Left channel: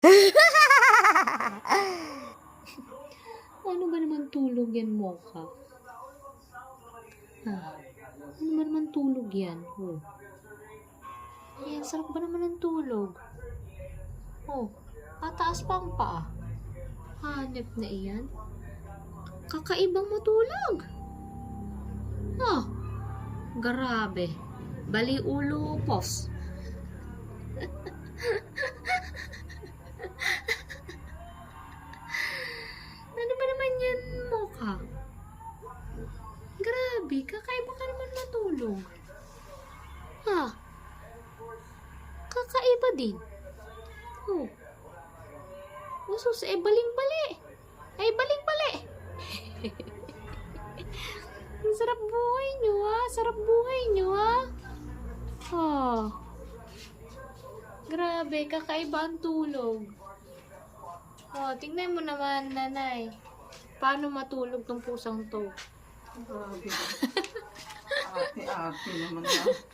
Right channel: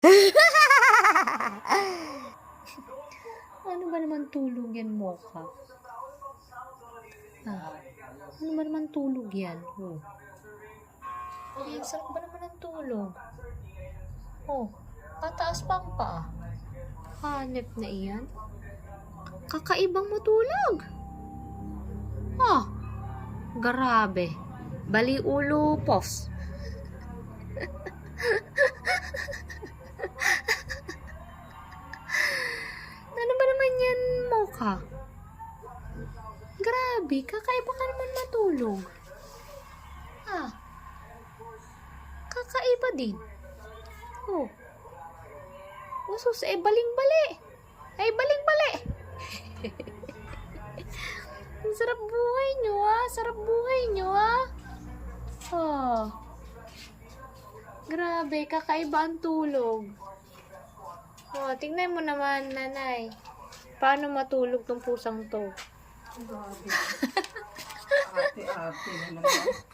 Ano ba naman tulog yan, Mocha? Ano ba naman tulog yan? Oh. Ayan, sarap ba naman ng tulog? Oh, tataas pa ang paa. Hanep na iyan. Kakaibang matulog. Grabe. Bali ulo, pos. Ano ba naman yan, Mocha? Grabe, kakaiba ka naman matulog. Kakaiba din. Usos, baling-bali. Baling-bali. Ang sarap buhay nyo, Sarap buhay nyo, Grabe, kakaiba ang tulog. Tingnan mo naman, nanay. Paano matulog tong pusang to? Grabe. Ate-ate naman.